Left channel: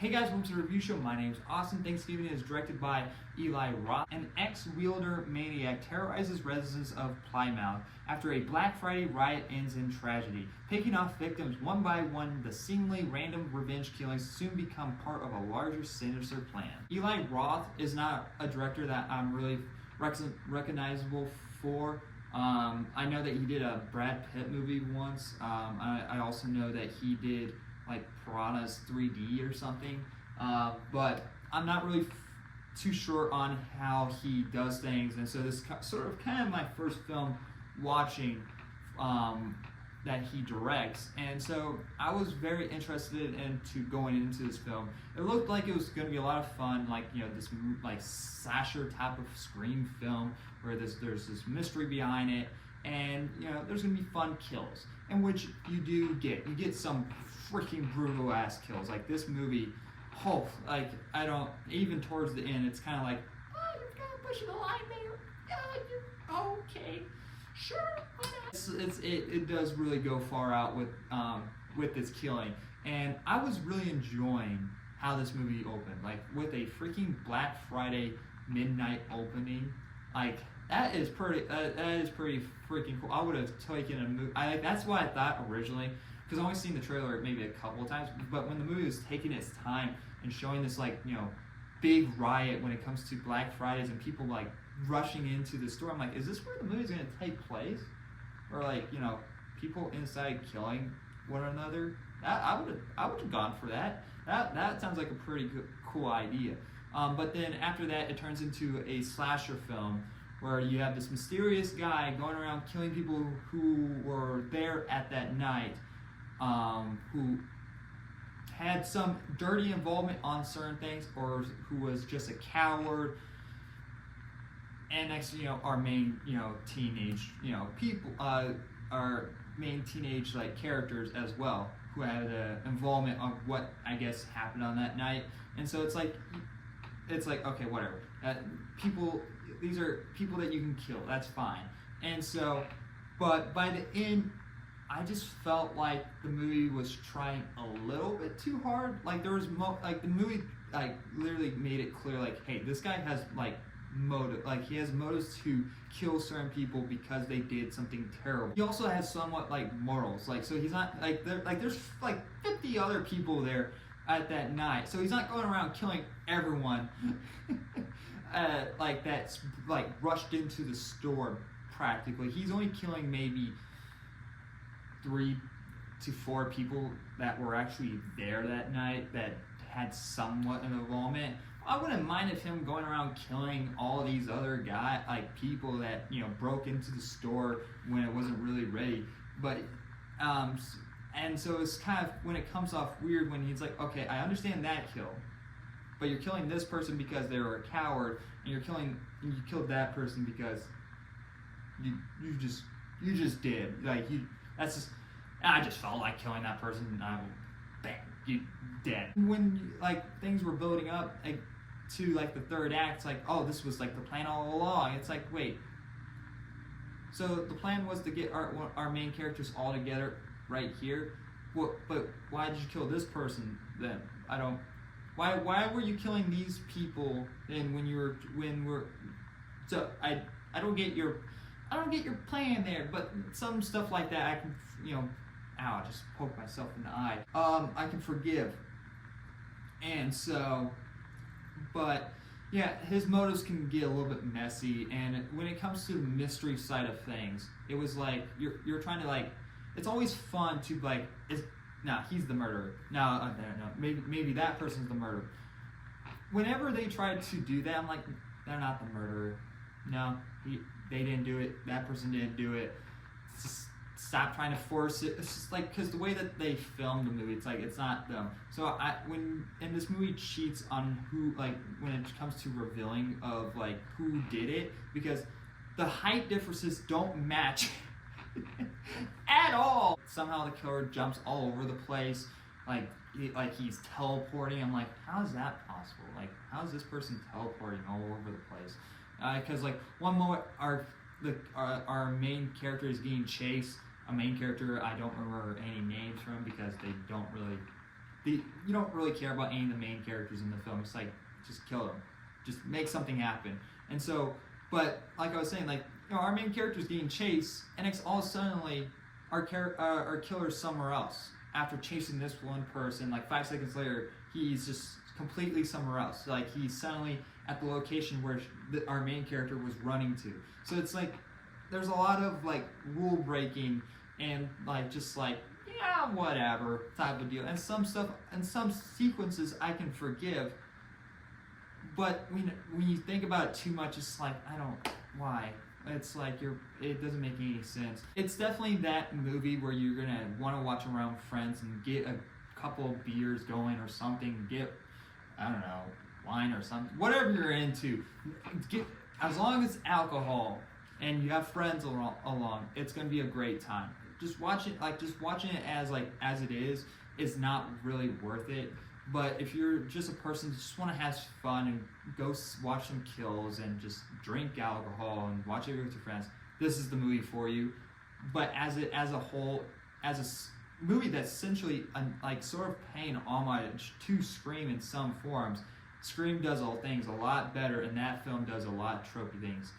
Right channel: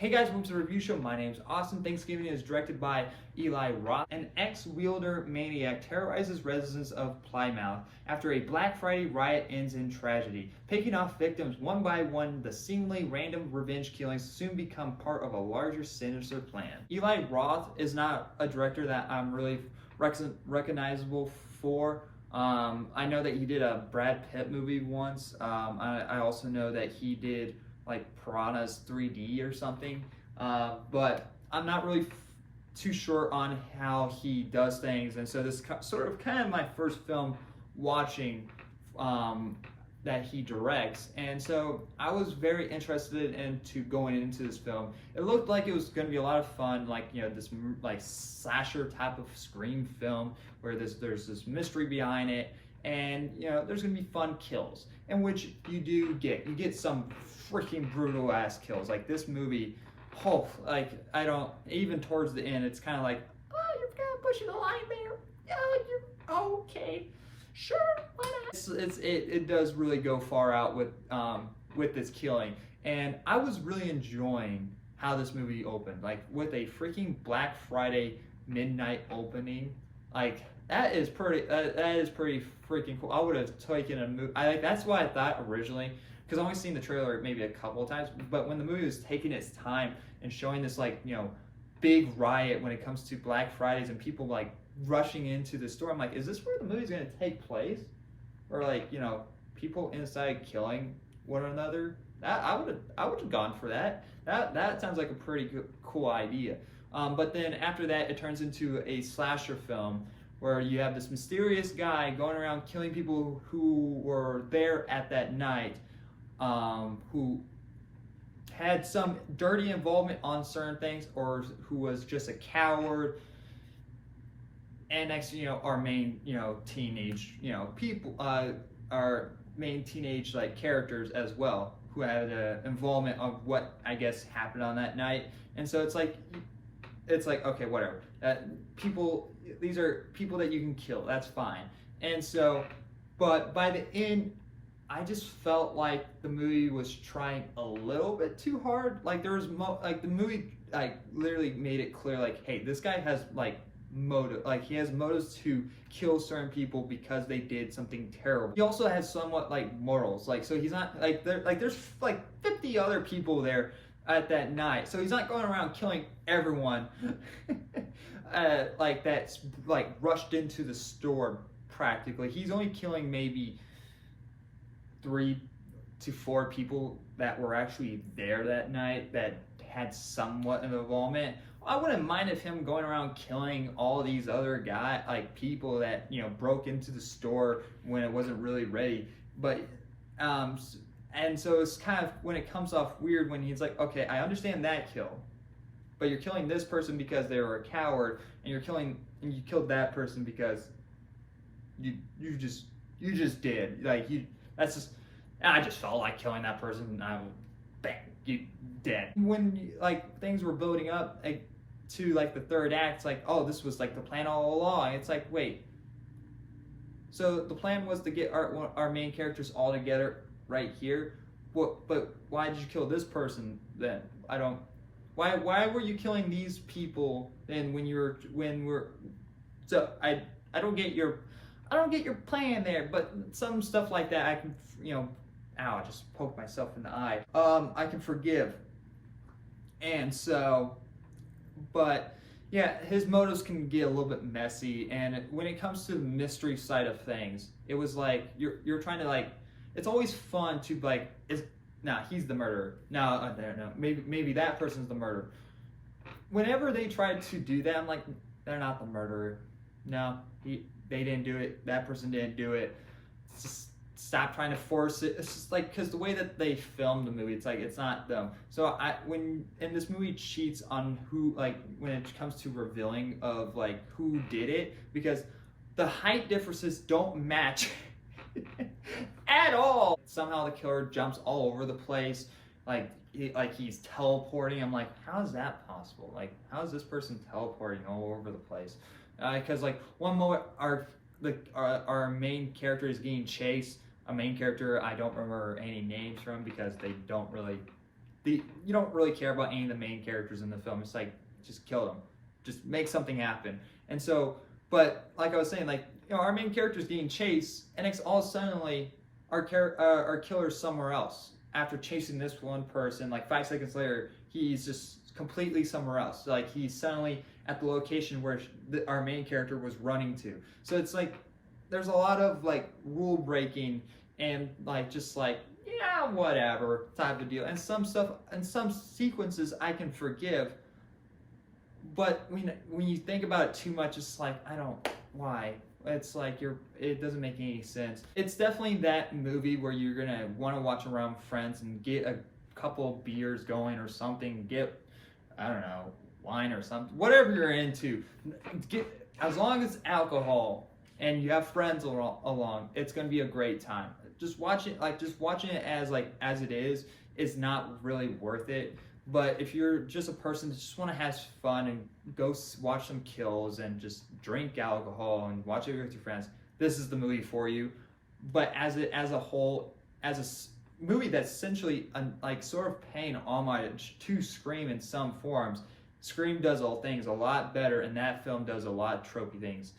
Hey guys, welcome to the review show. My name's Austin. Thanksgiving is directed by Eli Roth. An ex-wielder maniac terrorizes residents of Plymouth after a Black Friday riot ends in tragedy. Picking off victims one by one, the seemingly random revenge killings soon become part of a larger sinister plan. Eli Roth is not a director that I'm really recognizable for. I know that he did a Brad Pitt movie once. I also know that he did like Piranhas 3D or something, but I'm not really too sure on how he does things, and so this sort of kind of my first film watching that he directs, and so I was very interested into going into this film. It looked like it was going to be a lot of fun, like, you know, this like slasher type of Scream film where there's this mystery behind it, and you know there's going to be fun kills, in which you get some freaking brutal ass kills. Like this movie, like I don't even towards the end, it's kind of like, oh, you're kind of pushing the line there. Oh, you're okay, sure, why not? It does really go far out with this killing, and I was really enjoying how this movie opened, like with a freaking Black Friday midnight opening. Like that is pretty freaking cool. I would have taken a movie. That's what I thought originally, because I've only seen the trailer maybe a couple of times, but when the movie was taking its time and showing this, like, you know, big riot when it comes to Black Fridays and people like rushing into the store, I'm like, is this where the movie's gonna take place? Or like, you know, people inside killing one another? I would have gone for that. That sounds like a pretty cool idea. But then after that, it turns into a slasher film where you have this mysterious guy going around killing people who were there at that night, who had some dirty involvement on certain things, or who was just a coward. And next, you know, our main, you know, teenage, you know, people, our main teenage like characters as well, who had an involvement of what I guess happened on that night. And so it's like okay, whatever. These are people that you can kill. That's fine. And so, but by the end, I just felt like the movie was trying a little bit too hard. Like there was the movie like literally made it clear, like, hey, this guy has like motive. Like he has motives to kill certain people because they did something terrible. He also has somewhat like morals. Like, so he's not like there's like 50 other people there at that night, so he's not going around killing everyone like that's like rushed into the store practically. He's only killing maybe 3 to 4 people that were actually there that night that had somewhat of involvement. I wouldn't mind if him going around killing all these other people that, you know, broke into the store when it wasn't really ready. But and so it's kind of, when it comes off weird when he's like, okay, I understand that kill, but you're killing this person because they were a coward, and you killed that person because you just did, like, I just felt like killing that person, and bang, you dead. When like things were building up to like the third act, it's like, oh, this was like the plan all along. It's like, wait, so the plan was to get our main characters all together right here. But why did you kill this person then? Why were you killing these people then so I don't get your plan there. But some stuff like that I can, you know, ow, I just poked myself in the eye. I can forgive. And so, but yeah, his motives can get a little bit messy, and when it comes to the mystery side of things, it was like you're trying to, like, it's always fun to like, he's the murderer. No, maybe that person's the murderer. Whenever they tried to do that, I'm like, they're not the murderer. No, they didn't do it. That person didn't do it. Just stop trying to force it. It's just like, because the way that they filmed the movie, it's like, it's not them. So when this movie cheats on who, like, when it comes to revealing of like who did it, because the height differences don't match at all. Somehow the killer jumps all over the place, like he's teleporting. I'm like, how is that possible? Like, how is this person teleporting all over the place? Because like one moment our main character is getting chased. A main character I don't remember any names from because they don't really you don't really care about any of the main characters in the film. It's like, just kill them, just make something happen. And so, but like I was saying, like, our main character's getting chased, and it's all suddenly our killer's somewhere else. After chasing this one person, like 5 seconds later, he's just completely somewhere else. Like, he's suddenly at the location where our main character was running to. So it's like, there's a lot of like rule breaking and like just like, yeah, whatever type of deal. And some stuff and some sequences I can forgive, but when you think about it too much, it's like, why? It's like it doesn't make any sense. It's definitely that movie where you're gonna want to watch around friends and get a couple beers going or something. Get, I don't know, wine or something, whatever you're into. As long as alcohol and you have friends along, it's gonna be a great time. Just watching it as it is not really worth it. But if you're just a person that just want to have fun and go watch some kills and just drink alcohol and watch it with your friends, this is the movie for you. But as a whole, as a movie that's essentially like sort of paying homage to Scream in some forms, Scream does all things a lot better, and that film does a lot of tropey things.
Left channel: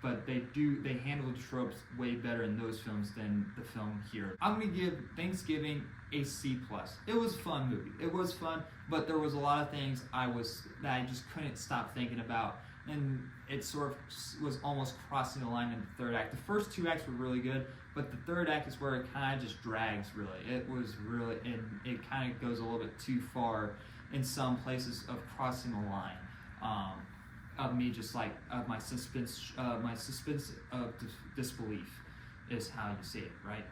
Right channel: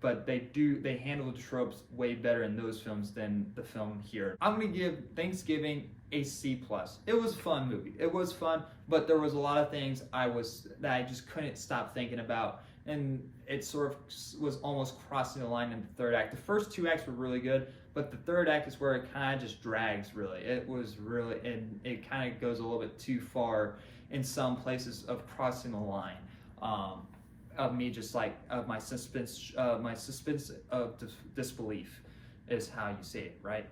But they handle the tropes way better in those films than the film here. I'm gonna give Thanksgiving a C+. It was a fun movie. It was fun, but there was a lot of things that I just couldn't stop thinking about, and it sort of was almost crossing the line in the third act. The first 2 acts were really good, but the third act is where it kind of just drags. Really, it was really, and it kind of goes a little bit too far in some places of crossing the line. Of me just like my suspense of disbelief is how you say it, right?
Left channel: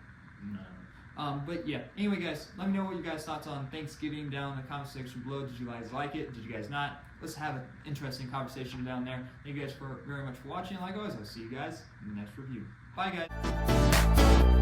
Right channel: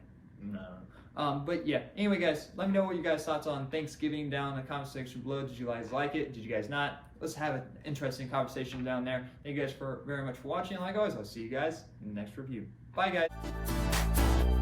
No. But yeah, anyway guys, let me know what you guys thoughts on Thanksgiving down in the comment section below. Did you guys like it? Did you guys not? Let's have an interesting conversation down there. Thank you guys very much for watching. Like always, I'll see you guys in the next review. Bye guys.